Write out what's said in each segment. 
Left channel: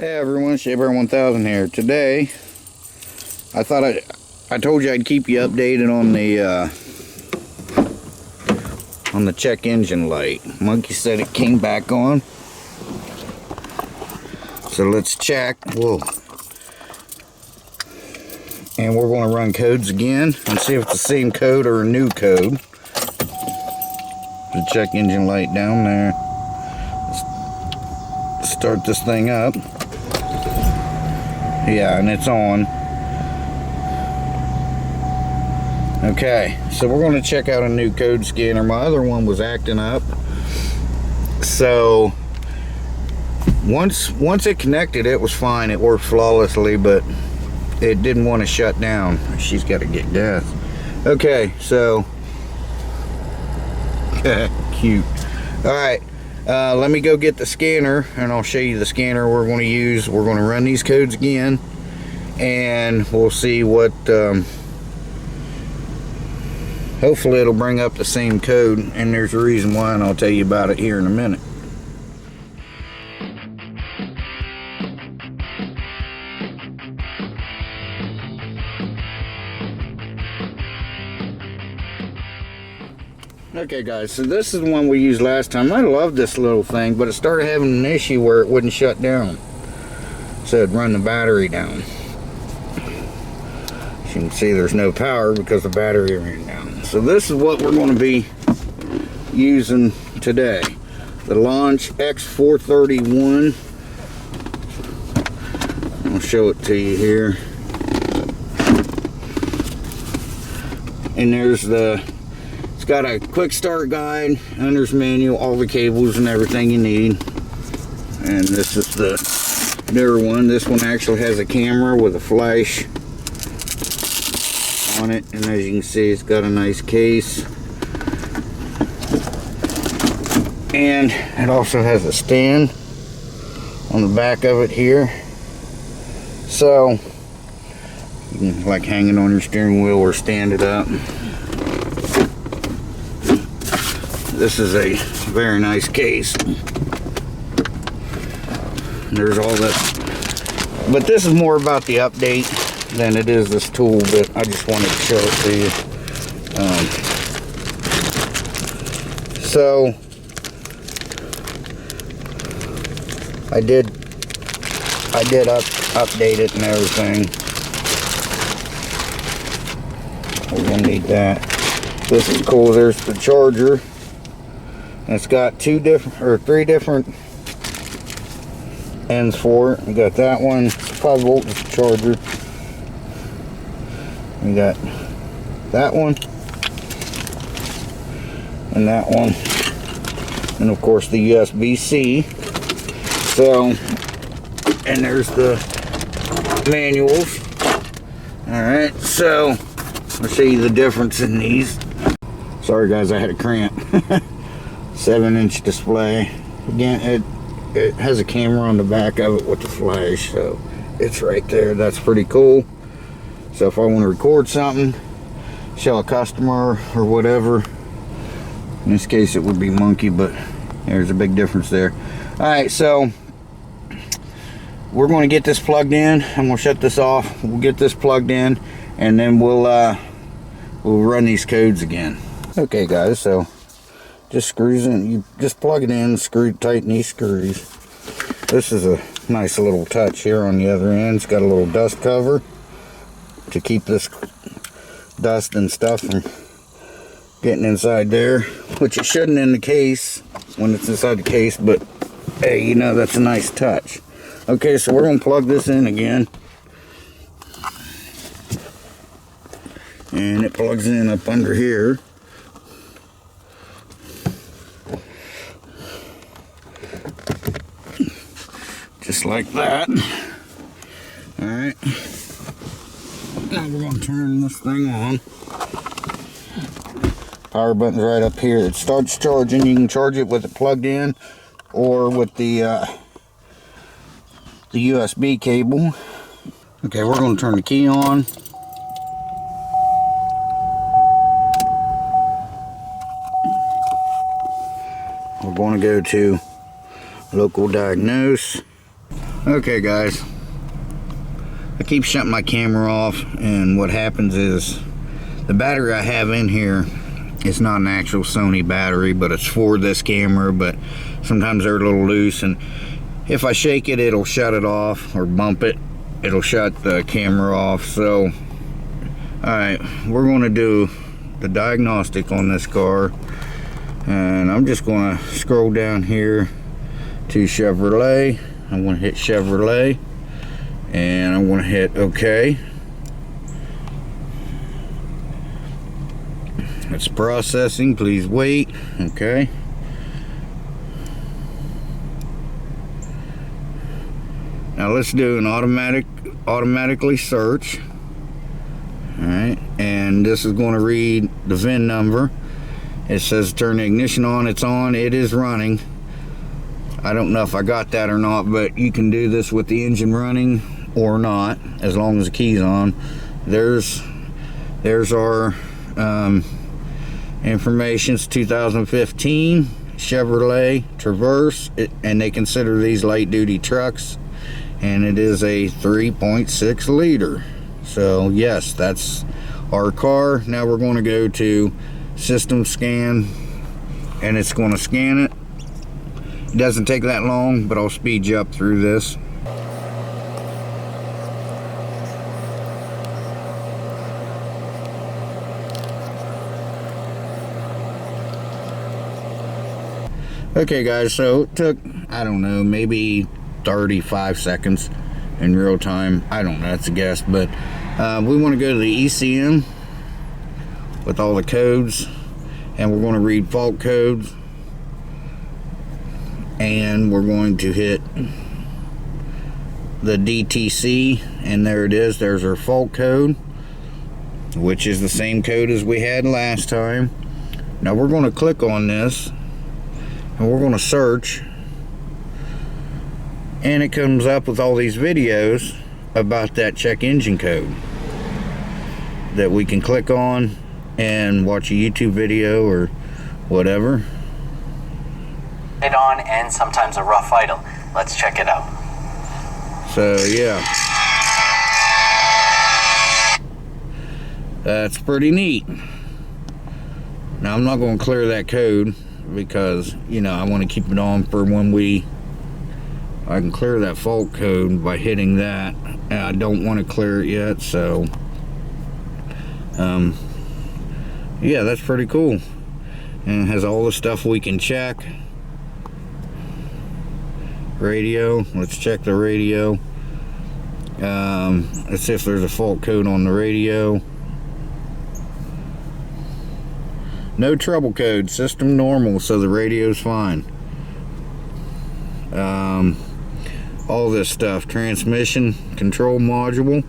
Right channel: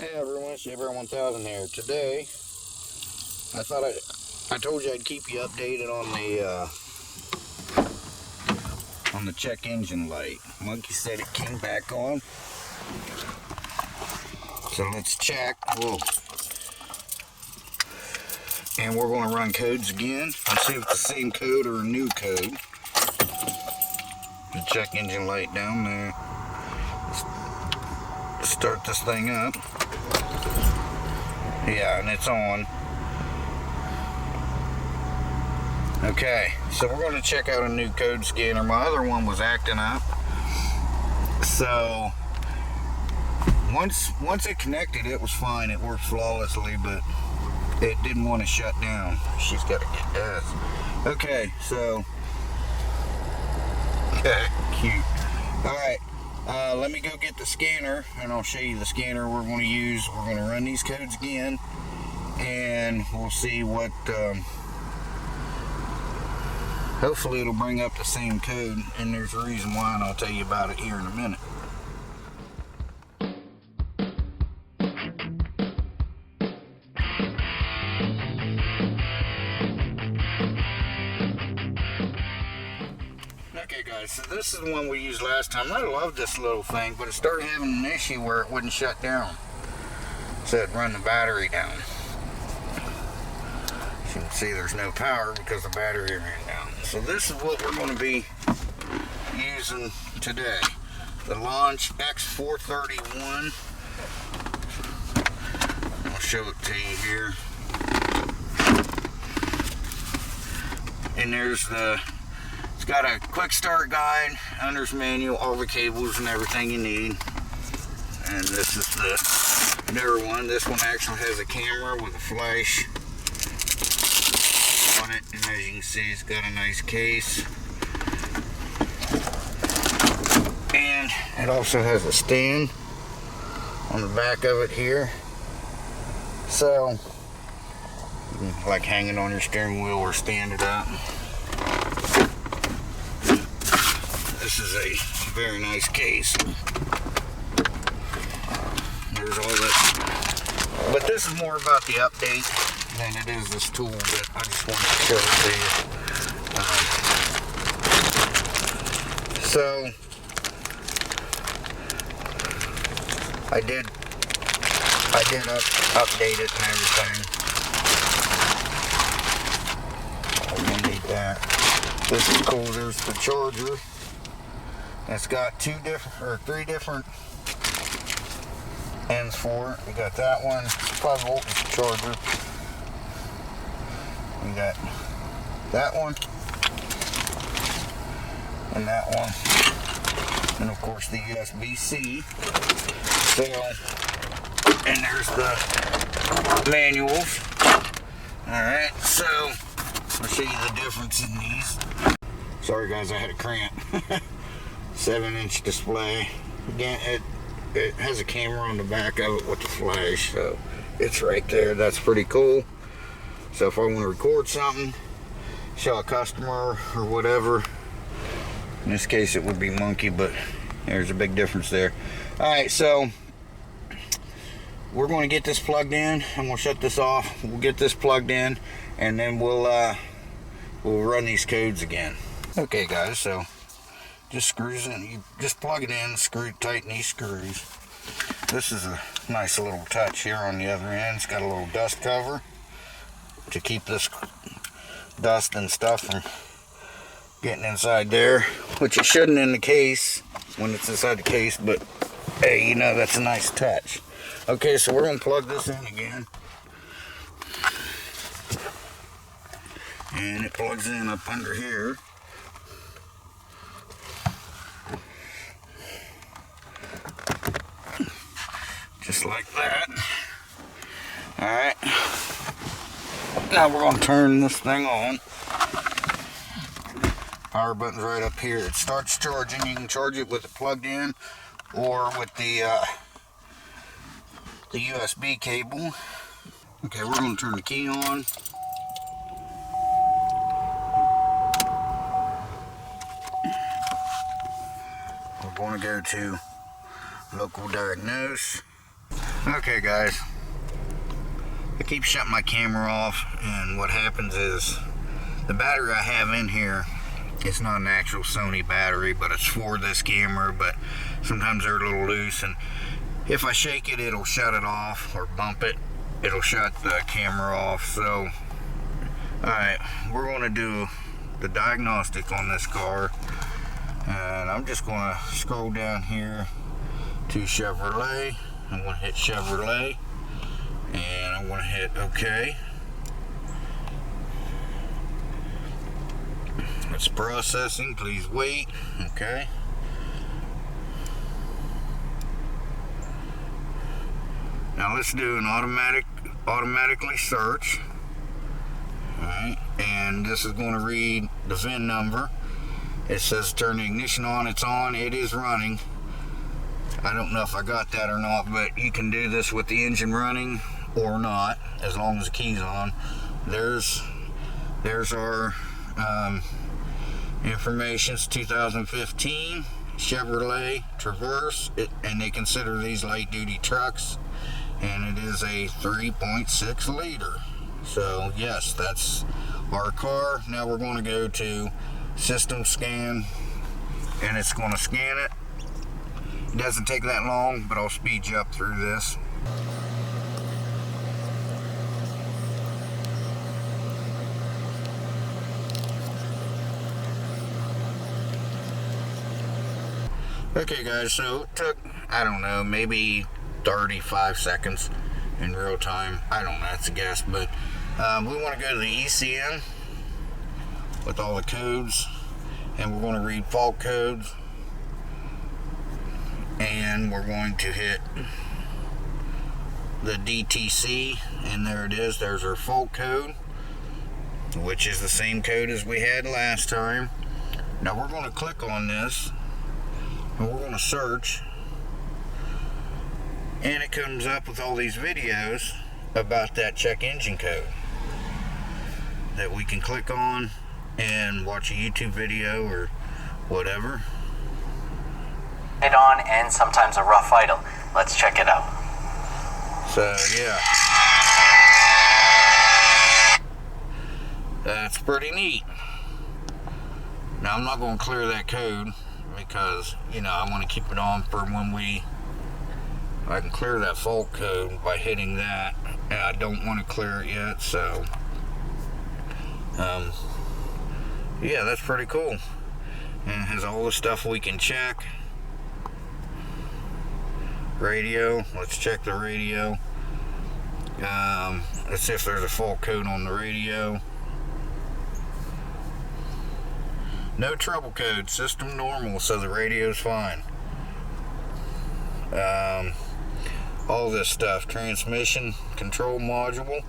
Hey everyone, Shaver 1000 here. Today, I thought I told you I'd keep you updated on the check engine light. Monkey said it came back on. So let's check. Whoa. And we're going to run codes again and see if it's the same code or a new code. The check engine light down there. Let's start this thing up. Yeah, and it's on. Okay, so we're going to check out a new code scanner. My other one was acting up. So once it connected, it was fine. It worked flawlessly, but it didn't want to shut down. She's got to get gas. Okay, so cute. All right. Let me go get the scanner and I'll show you the scanner we're going to use. We're going to run these codes again and we'll see what hopefully it'll bring up the same code, and there's a reason why, and I'll tell you about it here in a minute. Okay guys, so this is the one we used last time. I love this little thing, but it started having an issue where it wouldn't shut down. So it'd run the battery down. As you can see, there's no power because the battery ran down. So this is what we're going to be using today. The Launch X431. I'll show it to you here. And there's it's got a quick start guide, owner's manual, all the cables and everything you need. And this is the newer one. This one actually has a camera with a flash on it, and as you can see, it's got a nice case. And it also has a stand on the back of it here. So you can like hang it on your steering wheel or stand it up. This is a very nice case. There's all this, but this is more about the update than it is this tool, but I just wanted to show it to you. So I did update it and everything. We're gonna need that. This is cool. There's the charger. It's got three different ends for it. We got that one, 5 volt charger. We got that one and that one, and of course the USB-C. So, and there's the manuals. All right, so I'll show you the difference in these. Sorry guys, I had a cramp. 7-inch display. Again, it has a camera on the back of it with the flash, so it's right there. That's pretty cool. So if I want to record something, show a customer or whatever, in this case it would be Monkey, but there's a big difference there. All right, so we're going to get this plugged in and we'll shut this off. We'll get this plugged in and then we'll run these codes again. Okay guys, so just screws in. You just plug it in, tighten these screws. This is a nice little touch here on the other end. It's got a little dust cover to keep this dust and stuff from getting inside there, which it shouldn't in the case when it's inside the case, but hey, you know, that's a nice touch. Okay, so we're going to plug this in again. And it plugs in up under here. Just like that. Alright. Now we're going to turn this thing on. Power button's right up here. It starts charging. You can charge it with it plugged in or with the USB cable. Okay, we're going to turn the key on. We're going to go to local diagnose. Okay guys, I keep shutting my camera off, and what happens is the battery I have in here is not an actual Sony battery, but it's for this camera, but sometimes they're a little loose, and if I shake it, it'll shut it off, or bump it, it'll shut the camera off. So alright, we're going to do the diagnostic on this car, and I'm just going to scroll down here to Chevrolet. I'm going to hit Chevrolet, and I'm going to hit OK. It's processing, please wait. Okay. Now let's do an automatically search. Alright, and this is going to read the VIN number. It says turn the ignition on, it's on, it is running. I don't know if I got that or not, but you can do this with the engine running or not, as long as the key's on. There's our information. It's 2015 Chevrolet Traverse, and they consider these light duty trucks, and it is a 3.6 liter. So yes, that's our car. Now we're going to go to system scan, and it's going to scan it. It doesn't take that long, but I'll speed you up through this. Okay guys, so it took, I don't know, maybe 35 seconds in real time. I don't know, that's a guess, but we want to go to the ECM with all the codes, and we're going to read fault codes, and we're going to hit the DTC, and there it is. There's our fault code, which is the same code as we had last time. Now we're going to click on this, and we're going to search, and it comes up with all these videos about that check engine code that we can click on and watch a YouTube video or whatever. It on, and sometimes a rough idle. Let's check it out. So yeah, that's pretty neat. Now I'm not going to clear that code because, you know, I want to keep it on for when I can clear that fault code by hitting that, and I don't want to clear it yet. So yeah, that's pretty cool, and it has all the stuff we can check. Radio, let's check the radio. Let's see if there's a fault code on the radio. No trouble code, system normal, so the radio's fine. All this stuff, transmission control module,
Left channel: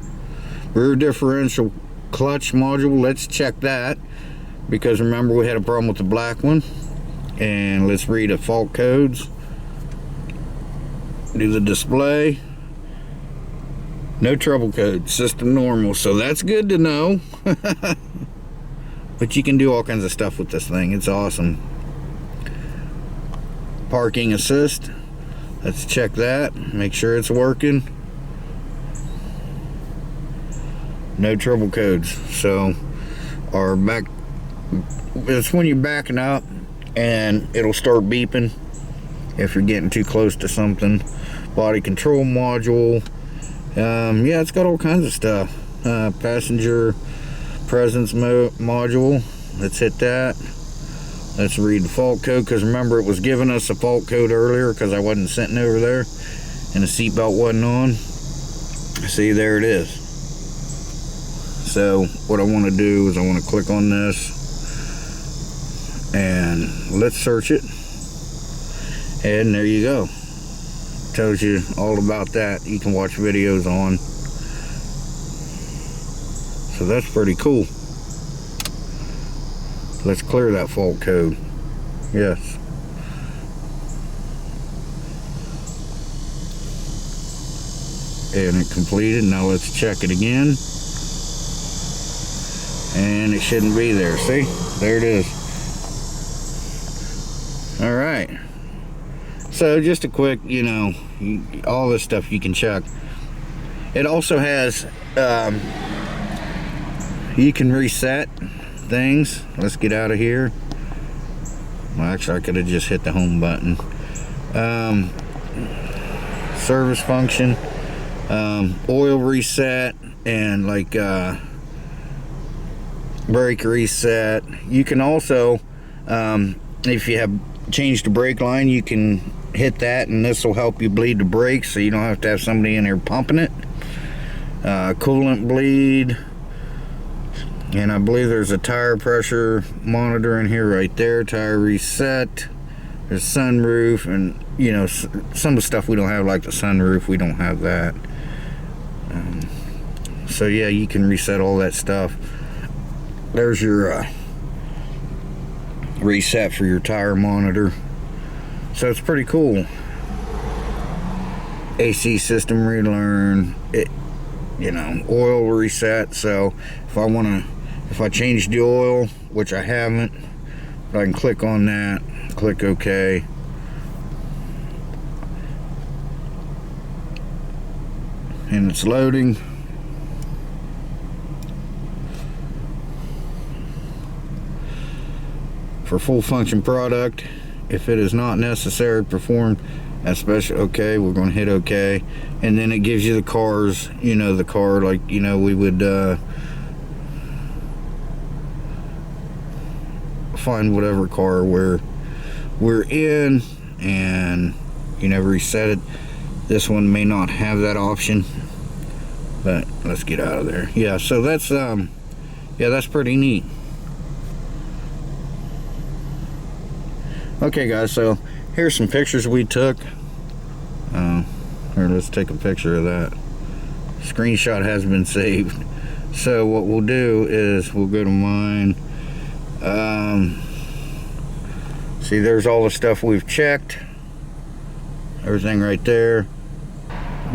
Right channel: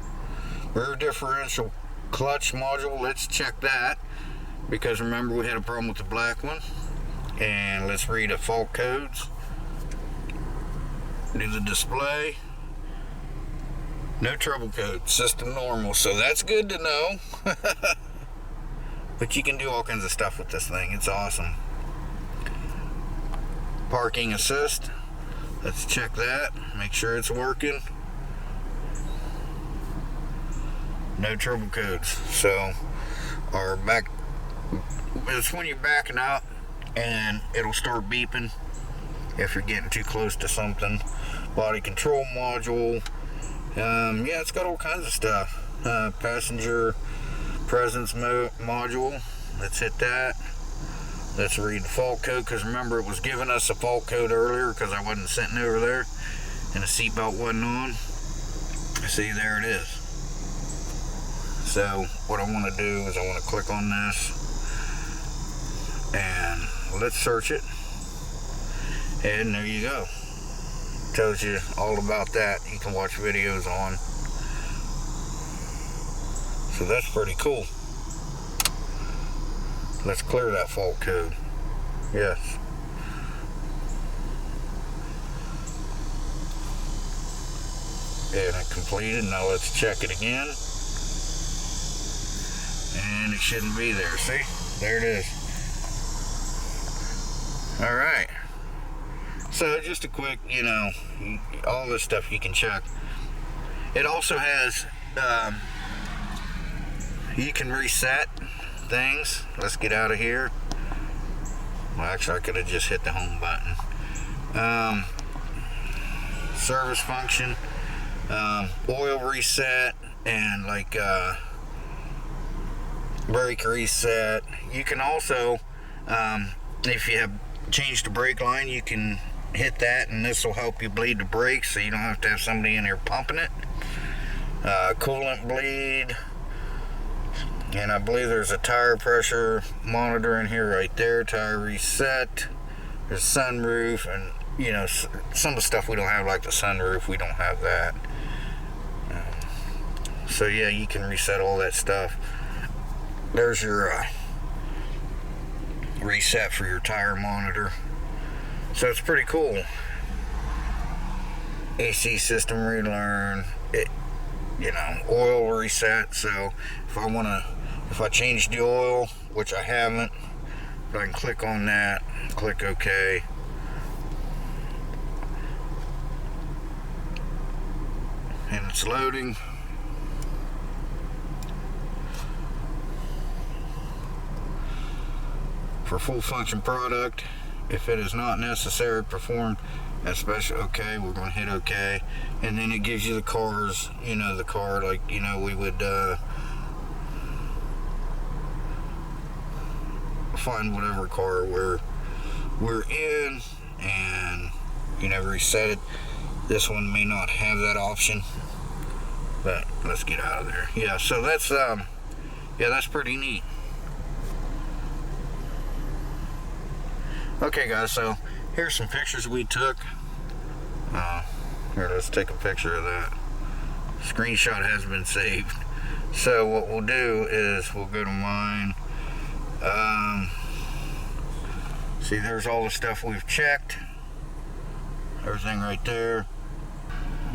rear differential clutch module, let's check that, because remember we had a problem with the black one. And let's read the fault codes. Do the display. No trouble code, system normal, so that's good to know. But you can do all kinds of stuff with this thing, it's awesome. Parking assist, let's check that, make sure it's working. No trouble codes. So our back, it's when you're backing up and it'll start beeping if you're getting too close to something. Body control module, yeah, it's got all kinds of stuff. Passenger presence module, let's hit that. Let's read the fault code, because remember it was giving us a fault code earlier because I wasn't sitting over there and the seatbelt wasn't on. See, there it is. So what I want to do is I want to click on this, and let's search it, and there you go. Tells you all about that. You can watch videos on. So that's pretty cool. Let's clear that fault code. Yes. And it completed. Now let's check it again. And it shouldn't be there. See? There it is. Alright. So just a quick, you know, all this stuff you can check. It also has, you can reset things. Let's get out of here. Well, actually, I could have just hit the home button. Service function, oil reset, and like brake reset. You can also, if you have changed the brake line, you can hit that, and this will help you bleed the brakes, so you don't have to have somebody in there pumping it. Coolant bleed, and I believe there's a tire pressure monitor in here right there. Tire reset. There's sunroof, and you know, some of the stuff we don't have, like the sunroof, we don't have that. So yeah, you can reset all that stuff. There's your reset for your tire monitor. So it's pretty cool. AC system relearn, it, you know, oil reset. So if I change the oil, which I haven't, but I can click on that, click OK. And it's loading. For full function product, if it is not necessary, perform as special. Okay, we're going to hit OK, and then it gives you the cars. You know, the car, like, you know, we would find whatever car we're in, and you never reset it. This one may not have that option, but let's get out of there. Yeah, so that's yeah, that's pretty neat. Okay guys, so here's some pictures we took. Here, let's take a picture of that. Screenshot has been saved. So what we'll do is we'll go to mine. See, there's all the stuff we've checked. Everything right there.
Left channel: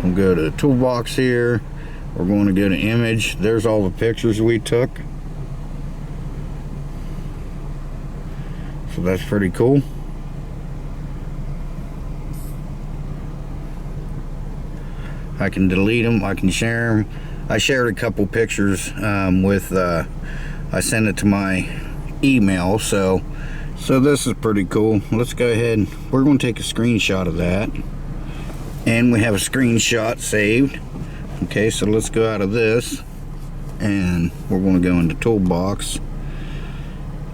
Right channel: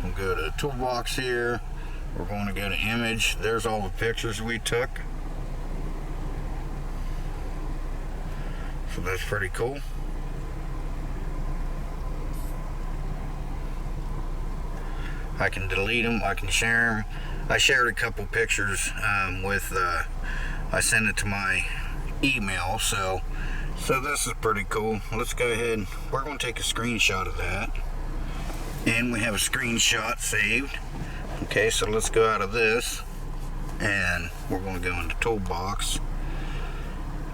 We'll go to toolbox here. We're going to go to image. There's all the pictures we took. So that's pretty cool. I can delete them, I can share them. I shared a couple pictures with, I sent it to my email, so this is pretty cool. Let's go ahead, we're going to take a screenshot of that. And we have a screenshot saved. Okay, so let's go out of this, and we're going to go into toolbox,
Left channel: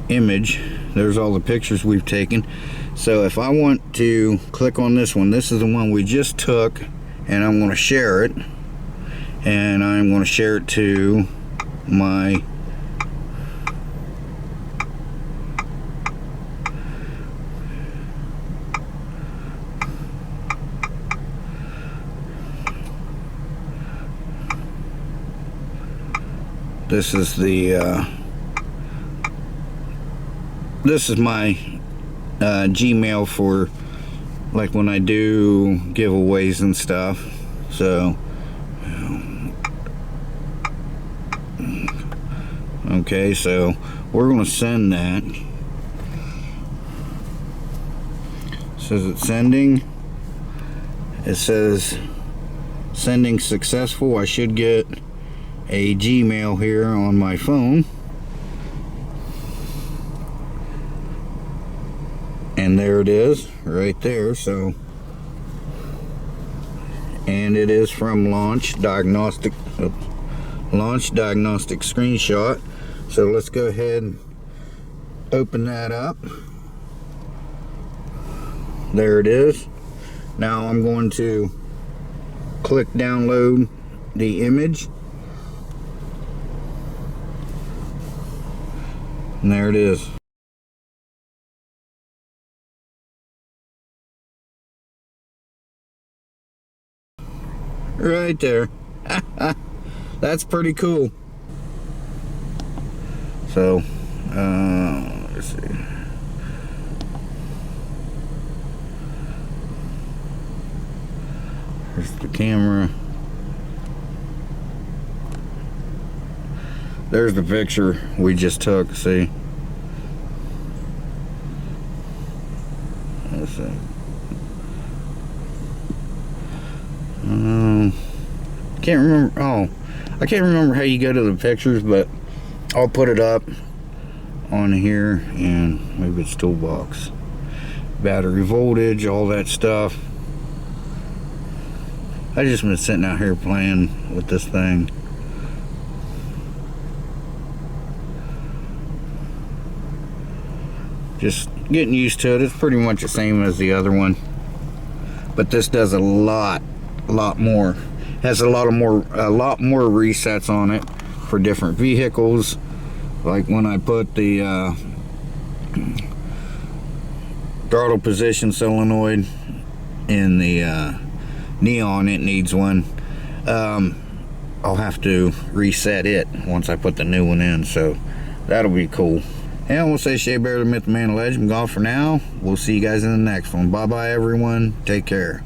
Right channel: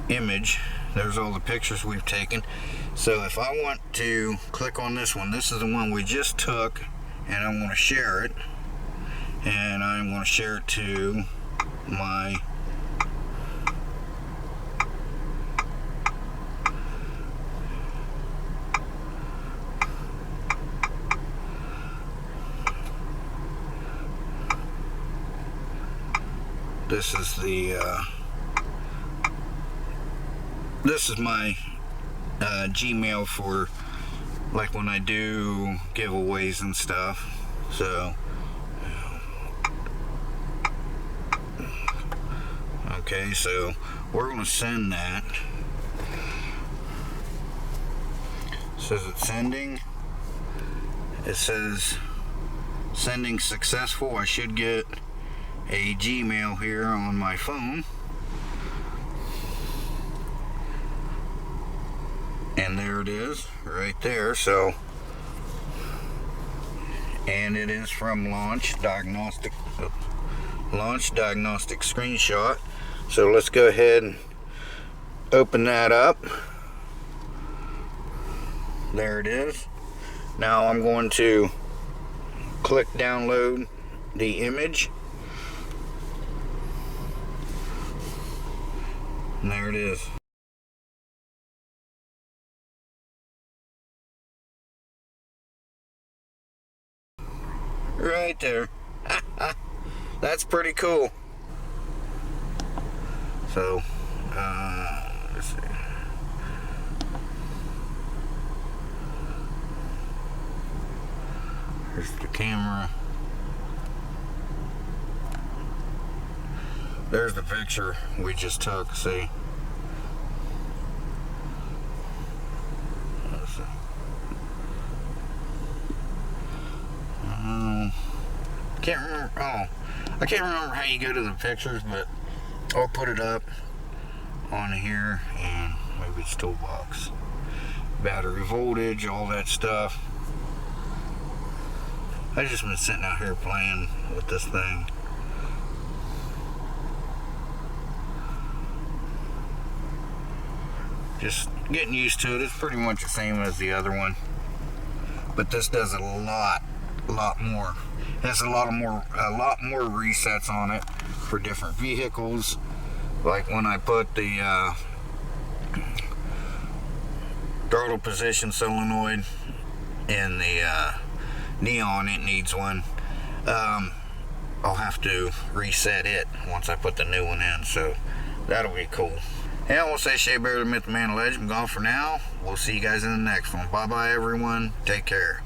image. There's all the pictures we've taken. So if I want to click on this one, this is the one we just took, and I'm going to share it, and I'm going to share it to my this is my Gmail for like when I do giveaways and stuff. So okay, so we're going to send that. It says it's sending. It says sending successful. I should get a Gmail here on my phone. And there it is, right there. So, and it is from Launch Diagnostic Screenshot. So let's go ahead and open that up. There it is. Now I'm going to click download the image. And there it is. Right there. That's pretty cool. So, let's see. Here's the camera. There's the picture we just took, see? Let's see. Can't remember. Oh, I can't remember how you go to the pictures, but I'll put it up on here, and maybe it's toolbox. Battery voltage, all that stuff. I just been sitting out here playing with this thing. Just getting used to it. It's pretty much the same as the other one, but this does a lot more. Has a lot more resets on it for different vehicles. Like when I put the throttle position solenoid in the Neon, it needs one. I'll have to reset it once I put the new one in, so that'll be cool. And we'll say Shea Bear, the Myth, the Man, the Legend. I'm gone for now. We'll see you guys in the next one. Bye bye, everyone. Take care.